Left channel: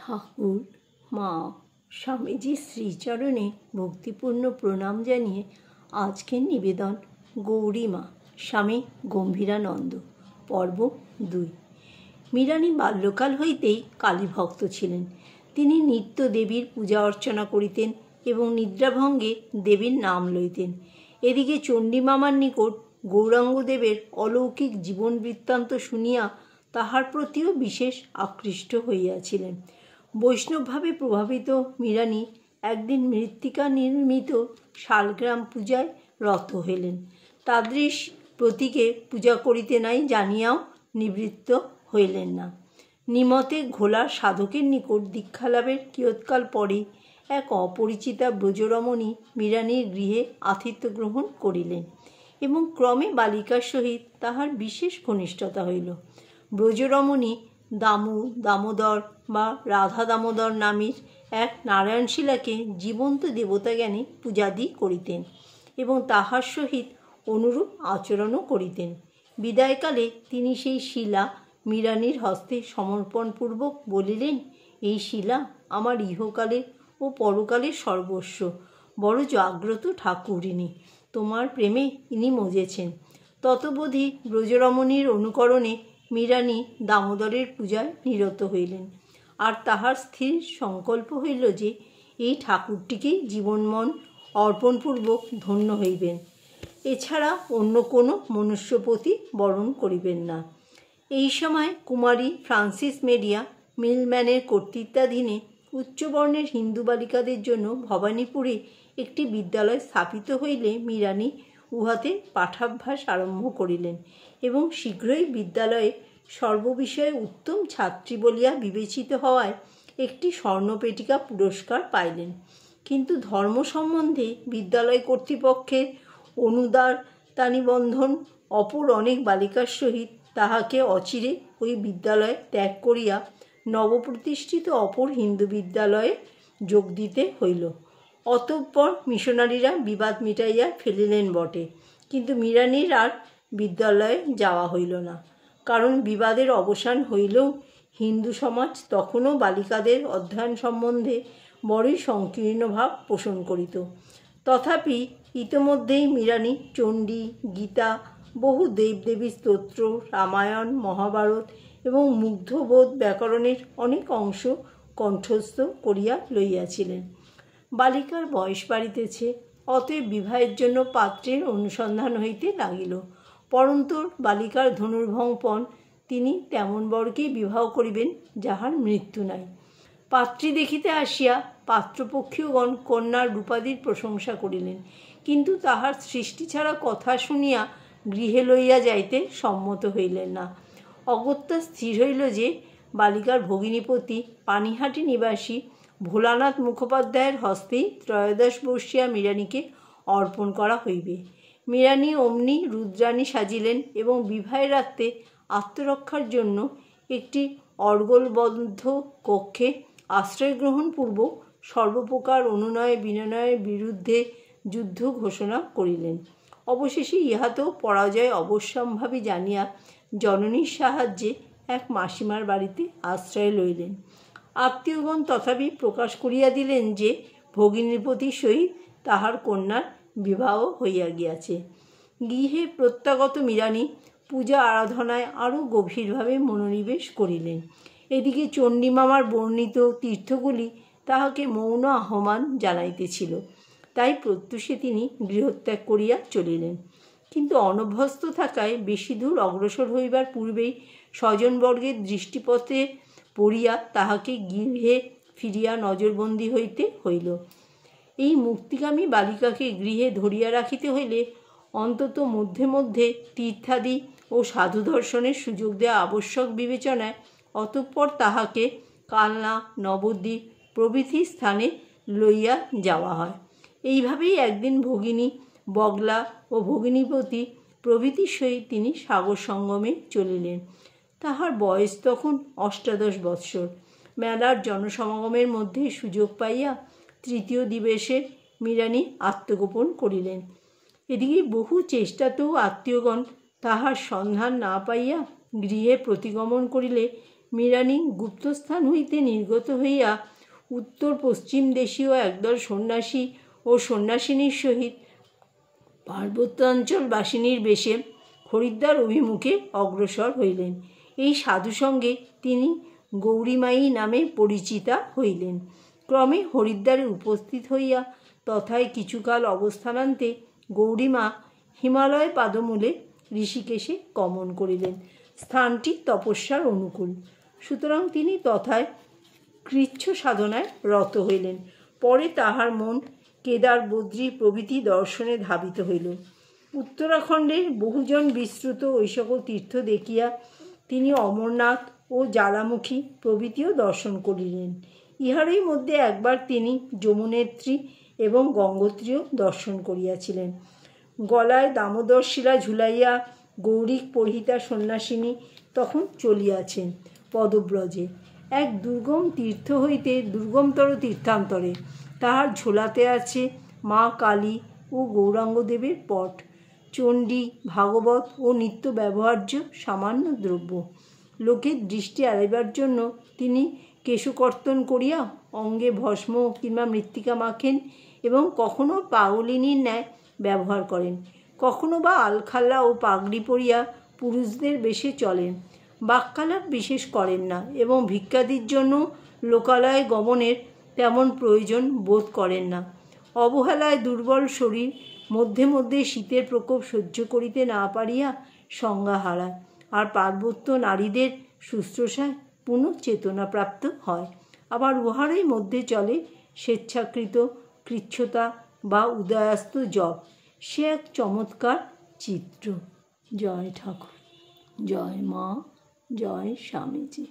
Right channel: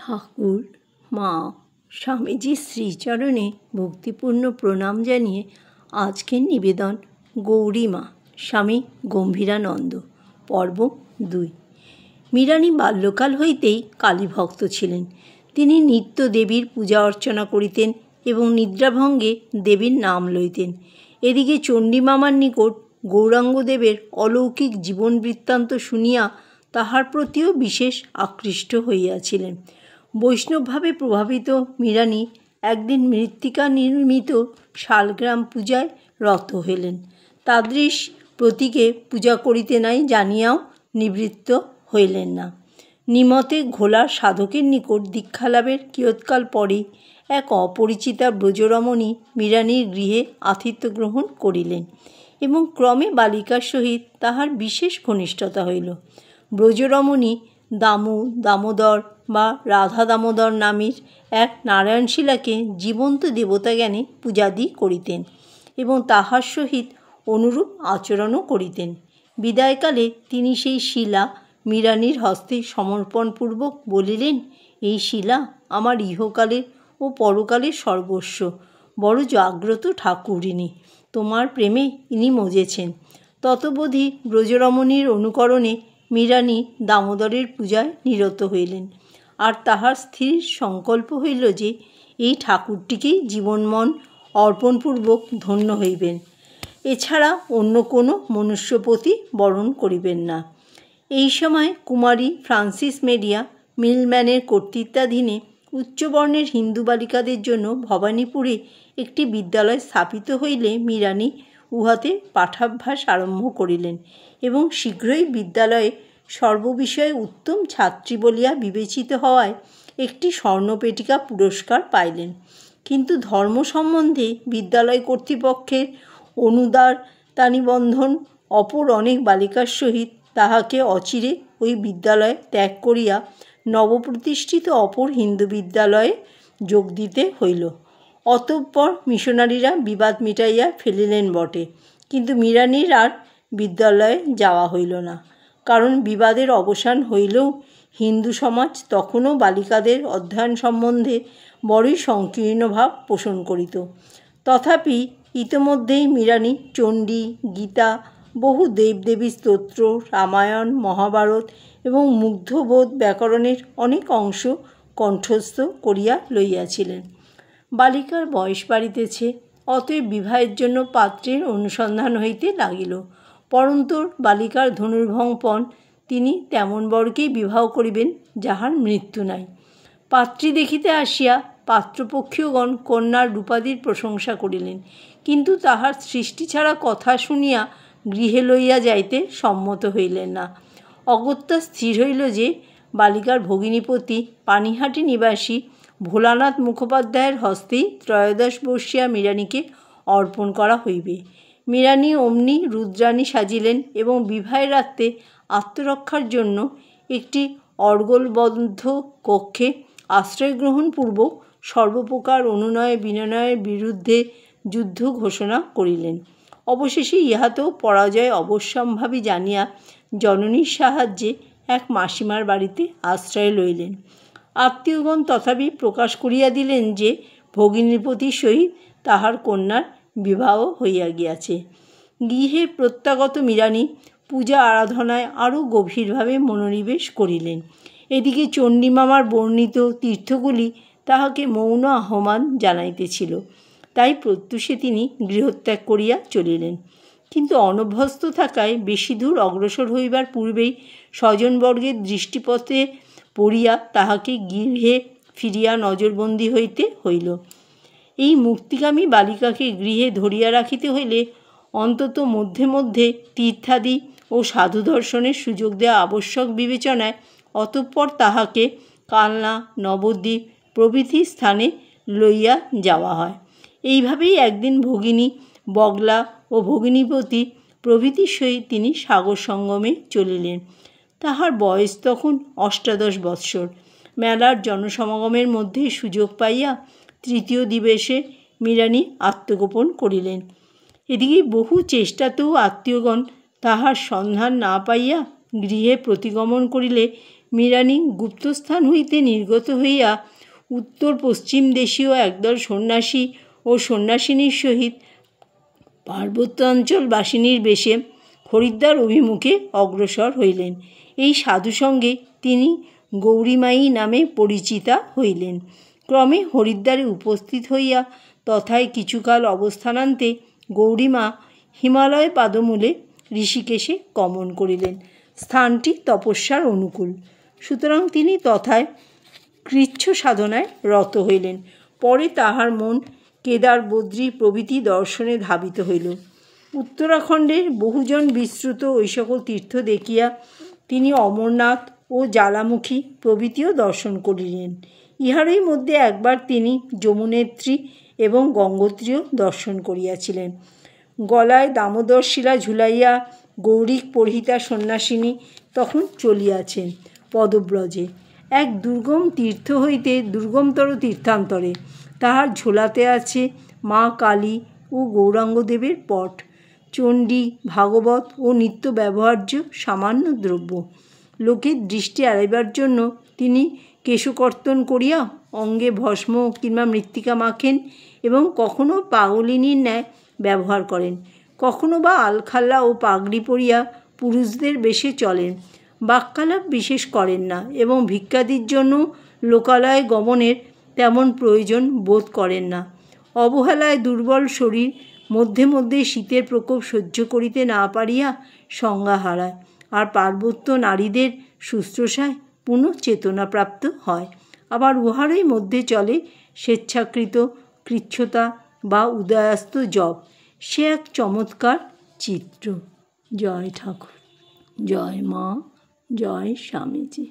ঠাকুর মা স্বামীজির শ্রীচরণে ভক্তিপূর্ণ প্রণাম জানিয়ে আজকের নিবেদন গৌরীমা স্বামী গম্ভীরানন্দ পর্ব 2। মীরানী বাল্যকাল হইতেই কালীভক্ত ছিলেন। তিনি নিত্য দেবীর পূজা অর্চনা করিতেন এবং নিদ্রাভঙ্গে দেবীর নাম লইতেন। এদিকে চণ্ডীমামার নিকট গৌরাঙ্গদেবের অলৌকিক জীবন বৃত্তান্ত শুনিয়া তাহার প্রতিও বিশেষ আকৃষ্ট হইয়াছিলেন। বৈষ্ণবভাবে প্রভাবিত মীরানী একদিন মৃত্তিকা নির্মিত শালগ্রাম পূজায় রত হইলেন। তাদৃশ প্রতীকে পূজা করিতে নাই জানিয়াও নিবৃত্ত হইলেন না। নিমতে ঘোলার সাধকের নিকট দীক্ষালাভের কিয়ৎকাল পরেই এক অপরিচিতা ব্রজরমণী মীরানীর গৃহে আতিথ্য গ্রহণ করিলেন এবং ক্রমে বালিকার সহিত তাহার বিশেষ ঘনিষ্ঠতা হইল। ব্রজরমণী দামোদর বা রাধা দামোদর নামের এক নারায়ণশিলাকে জীবন্ত দেবতা জ্ঞানে পূজাদি করিতেন এবং তাহার সহিত অনুরূপ আচরণও করিতেন। বিদায়কালে তিনি সেই শিলা মীরানীর হস্তে সমর্পণপূর্বক বলিলেন, এই শিলা আমার ইহকালের ও পরকালের সর্বস্ব। বড় জাগ্রত ঠাকুরিনী, তোমার প্রেমে ইনি মজেছেন। ততবধি ব্রজরমণীর অনুকরণে মীরানী দামোদরের পূজায় নিরত হইলেন, আর তাহার স্থির সংকল্প হইল যে এই ঠাকুরটিকেই জীবনমন অর্পণপূর্বক ধন্য হইবেন, এছাড়া অন্য কোনো মনুষ্যপতি বরণ করিবেন না। এই সময় কুমারী ফ্রান্সিস মেরিয়া মিলম্যানের কর্তৃত্বাধীনে উচ্চবর্ণের হিন্দু বালিকাদের জন্য ভবানীপুরে একটি বিদ্যালয় স্থাপিত হইলে মীরানী উহাতে পাঠাভ্যাস আরম্ভ করিলেন এবং শীঘ্রই বিদ্যালয়ে সর্ববিষয়ে উত্তম ছাত্রী বলিয়া বিবেচিত হওয়ায় একটি স্বর্ণপেটিকা পুরস্কার পাইলেন। কিন্তু ধর্ম সম্বন্ধে বিদ্যালয় কর্তৃপক্ষের অনুদারতানিবন্ধন অপর অনেক বালিকার সহিত তাহাকে অচিরে ওই বিদ্যালয় ত্যাগ করিয়া নবপ্রতিষ্ঠিত অপর হিন্দু বিদ্যালয়ে যোগ দিতে হইল। অতঃপর মিশনারিরা বিবাদ মিটাইয়া ফেলিলেন বটে, কিন্তু মীরানীর আর বিদ্যালয়ে যাওয়া হইল না। কারণ বিবাদের অবসান হইলেও হিন্দু সমাজ তখনও বালিকাদের অধ্যয়ন সম্বন্ধে বড়ই সংকীর্ণ ভাব পোষণ করিত। তথাপি ইতোমধ্যেই মীরানী চণ্ডী, গীতা, বহু দেবদেবী স্তোত্র, রামায়ণ, মহাভারত এবং মুগ্ধবোধ ব্যাকরণের অনেক অংশ কণ্ঠস্থ করিয়া লইয়াছিলেন। বালিকার বয়স বাড়িতেছে, অতএব বিবাহের জন্য পাত্রের অনুসন্ধান হইতে লাগিল। পরন্তর বালিকার ধনুর্ভংপণ তিনি তেমন বরকেই বিবাহ করিবেন যাহার মৃত্যু নাই। পাত্রী দেখিতে আসিয়া পাত্রপক্ষীয়গণ কন্যার রূপাদির প্রশংসা করিলেন, কিন্তু তাহার সৃষ্টি ছাড়া কথা শুনিয়া গৃহে লইয়া যাইতে সম্মত হইলেন না। অগত্যা স্থির হইল যে বালিকার ভগিনীপতি পানিহাটি নিবাসী ভোলানাথ মুখোপাধ্যায়ের হস্তেই 13 বর্ষীয়া মীরানীকে অর্পণ করা হইবে। মীরানী অমনি রুদ্রাণী সাজিলেন এবং বিবাহের রাত্রে আত্মরক্ষার জন্য একটি অর্গলবদ্ধ কক্ষে আশ্রয় গ্রহণপূর্বক সর্বপ্রকার অনুনয় বিনয়ের বিরুদ্ধে যুদ্ধ ঘোষণা করিলেন। অবশেষে ইহাতেও পরাজয় অবশ্যম্ভাবী জানিয়া জননীর সাহায্যে এক মাসিমার বাড়িতে আশ্রয় লইলেন। আত্মীয়গণ তথাপি প্রকাশ করিয়া দিলেন যে ভগিনীপতির সহিত তাহার কন্যার বিবাহ হইয়া গিয়াছে। গৃহে প্রত্যাগত মীরানী পূজা আরাধনায় আরও গভীরভাবে মনোনিবেশ করিলেন। এদিকে চণ্ডীমামার বর্ণিত তীর্থগুলি তাহাকে মৌন আহ্বান জানাইতেছিল, তাই প্রত্যুষে তিনি গৃহত্যাগ করিয়া চলিলেন। কিন্তু অনভ্যস্ত থাকায় বেশি দূর অগ্রসর হইবার পূর্বেই স্বজনবর্গের দৃষ্টিপথে পড়িয়া তাহাকে গৃহে ফিরিয়া নজরবন্দি হইতে হইল। এই মুক্তিকামী বালিকাকে গৃহে ধরিয়া রাখিতে হইলে অন্তত মধ্যে মধ্যে তীর্থাদি ও সাধু দর্শনের সুযোগ দেওয়া আবশ্যক বিবেচনায় অতঃপর তাহাকে কালনা, নবদ্বীপ প্রভৃতি স্থানে লইয়া যাওয়া হয়। এইভাবেই একদিন ভগিনী বগলা ও ভগিনীপতি প্রভৃতির সহিত তিনি সাগর সঙ্গমে চলিলেন। তাহার বয়স তখন 18 বৎসর। মেলার জনসমাগমের মধ্যে সুযোগ পাইয়া তৃতীয় দিবসে মীরানী আত্মগোপন করিলেন। এদিকে বহু চেষ্টাতেও আত্মীয়গণ তাহার সন্ধান না পাইয়া গৃহে প্রতিগমন করিলে মৃণালিনী গুপ্তস্থান হইতে নির্গত হইয়া উত্তর পশ্চিম দেশীয় একদল সন্ন্যাসী ও সন্ন্যাসিনীর সহিত পার্বত্যাঞ্চলবাসিনীর বেশে হরিদ্বার অভিমুখে অগ্রসর হইলেন। এই সাধুসঙ্গে তিনি গৌরীমায়ী নামে পরিচিতা হইলেন। ক্রমে হরিদ্বারে উপস্থিত হইয়া তথায় কিছুকাল অবস্থানান্তে গৌরীমা হিমালয় পাদমূলে ঋষিকেশে গমন করিলেন। স্থানটি তপস্যার অনুকূল, সুতরাং তিনি তথায় কৃচ্ছ সাধনায় রত হইলেন। পরে তাহার মন কেদার, বদ্রী প্রভৃতি দর্শনে ধাবিত হইল। উত্তরাখণ্ডের বহুজন বিস্তৃত ওই সকল তীর্থ দেখিয়া তিনি অমরনাথ ও জ্বালামুখী প্রভৃতিও দর্শন করিলেন। ইহারই মধ্যে একবার তিনি যমুনেত্রী এবং গঙ্গোত্রীও দর্শন করিয়াছিলেন। গলায় দামোদর শিলা ঝুলাইয়া গৌরিক পরিহিতা সন্ন্যাসিনী তখন চলিয়াছেন পদব্রজে এক দুর্গম তীর্থ হইতে দুর্গমতর তীর্থান্তরে। তাহার ঝোলাতে আছে মা কালী ও গৌরাঙ্গদেবের পট, চণ্ডী, ভাগবত ও নিত্য ব্যবহার্য সামান্য দ্রব্য। লোকের দৃষ্টি এড়াইবার জন্য তিনি কেশকর্তন করিয়া অঙ্গে ভস্ম কিংবা মৃত্তিকা মাখেন এবং কখনো পাগলিনীর ন্যায় ব্যবহার করেন, কখনো বা আলখাল্লা ও পাগড়ি পরিয়া পুরুষদের বেশে চলেন। বাক্যালাপ বিশেষ করেন না এবং ভিক্ষাদির জন্য লোকালয়ে গমনের তেমন প্রয়োজন বোধ করেন না। অবহেলায় দুর্বল শরীর মধ্যে মধ্যে শীতের প্রকোপ সহ্য করিতে না পারিয়া সংজ্ঞা হারায়, আর পার্বত্য নারীদের শুশ্রূষায় পুনঃ চেতনাপ্রাপ্ত হয়। আবার উহারই মধ্যে চলে স্বেচ্ছাকৃত কৃচ্ছতা বা উদয়াস্ত জপ। সে এক চমৎকার চিত্র। জয় ঠাকুর, জয় মা, জয় স্বামীজি।